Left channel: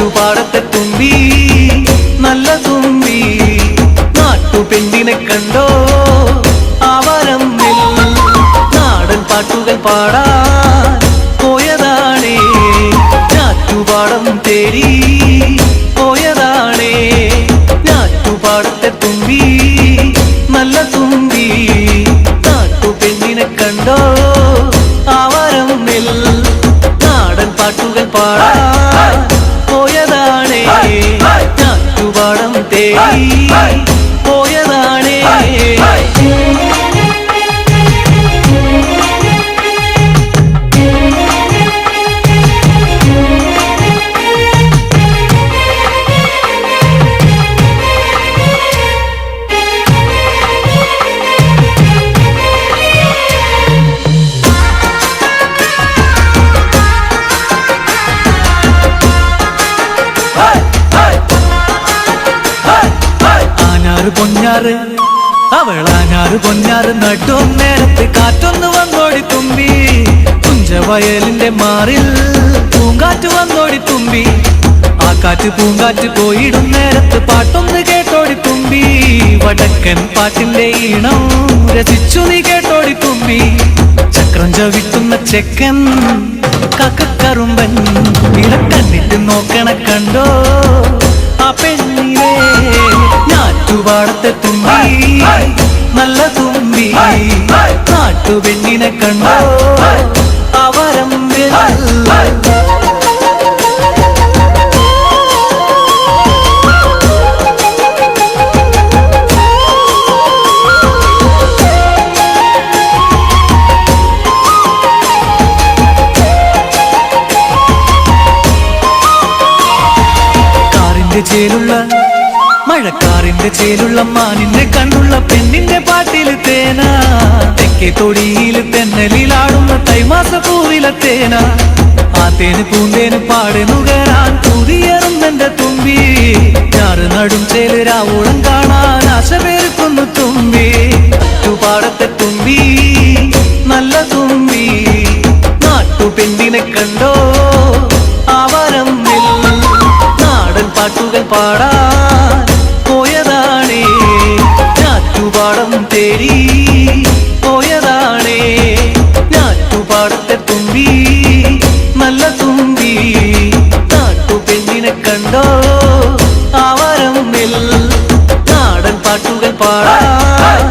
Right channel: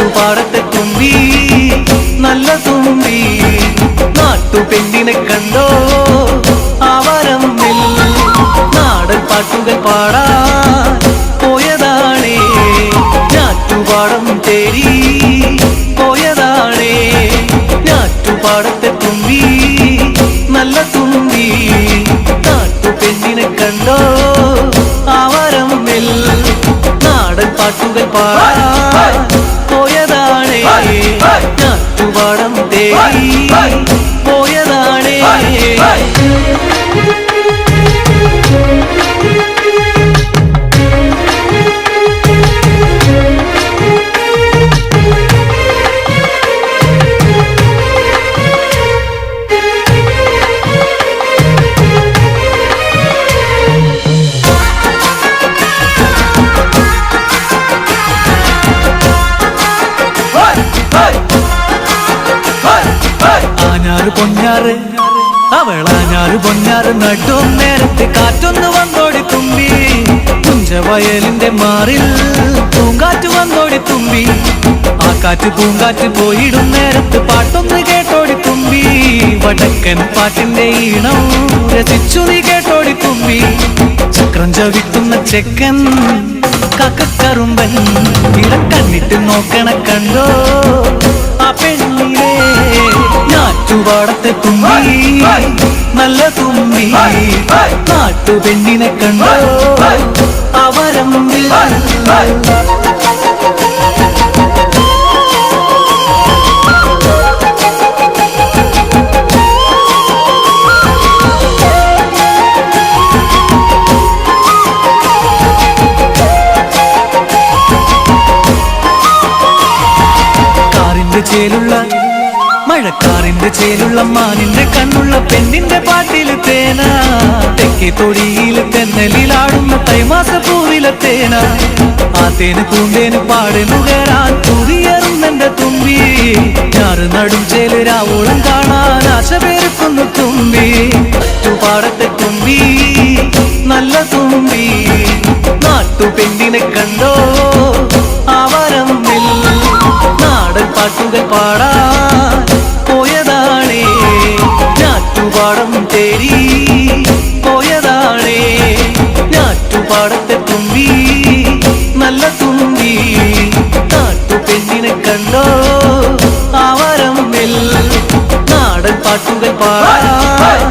ചുറ്റുപാടത്തെ തുമ്പി നല്ല തുമ്പി നാട്ടുപെണ്ണിനെ കണ്ടോ ആവരമ്മിൽ നാടൻ പാട്ടുകൾ പാടാൻ പോയതാണേ ഞാറ്റുപാടം തേടി പോയതാണേ ഞാറ്റുപാടത്തെ തുമ്പി നല്ല തുമ്പി നാട്ടുപെണ്ണിനെ കണ്ടോ ആവരമ്മിൽ നാടൻ പാട്ടുകൾ പാടാൻ പോയതാണേ ഞാറ്റുപാടം തേടി പോയതാണേ ആഞ്ഞാറ് പൊഞ്ഞാറ് അവളാഞ്ഞാറ് പൊഞ്ഞാറ് നടും നേരത്ത് കാറ്റൊന്ന് വന്നോടി തുമ്പി കുഞ്ചവയലിന്റെ മാറിൽ പൂങ്കാറ്റ് വന്നോടി തുമ്പി ആ കാറ്റ് പൂങ്കാറ്റ് പോയിടും നേരത്ത് പാട്ടൊന്ന് കേട്ടോടി തുമ്പി വടക്കൻ പാട്ടിന്റെ ഈണം രസിച്ചു നീ കേട്ടോടി തുമ്പി ചക്രം ചവിട്ടുന്ന ചെക്കൻ കക്കറുമ്പൻ ഇടം കണ്ണിട്ട് നോക്കണ കണ്ടോ ആ പെണ്ണിനെ ഞാറ്റുപാടത്തെ തുമ്പി നല്ല തുമ്പി നാട്ടുപെണ്ണിനെ കണ്ടോ അവരമ്പിൽ ചേലുള്ള മഴക്കാറിന്റെ ചേലുള്ള മാനിന്റെ കണ്ണുള്ള പെണ്ണിന്റെ പാട്ടില് തേന തെക്കേ തൊടിയില് തെന്നലിലാടുന്ന തൈമാസ പൂവിലെ തേന ആ തേന് പൂന്തേന് പാടെ നുകരാൻ പുതിയറുന്നെന്റെ തുമ്പി ഞാറ് നടും ചേല് രാവോളം കാണാൻ ആശ പേർക്കുന്നു തുമ്പി ചുറ്റുപാടത്തെ തുമ്പി നല്ല തുമ്പി നാട്ടുപെണ്ണിനെ കണ്ടോ ആവരമ്മിൽ നാടൻ പാട്ടുകൾ പാടാൻ പോയതാണേ ഞാറ്റുപാടം തേടി പോയതാണേ ഞാറ്റുപാടത്തെ തുമ്പി നല്ല തുമ്പി നാട്ടുപെണ്ണിനെ കണ്ടോ ആവരമ്മിൽ നാടൻ പാട്ടുകൾ പാടാൻ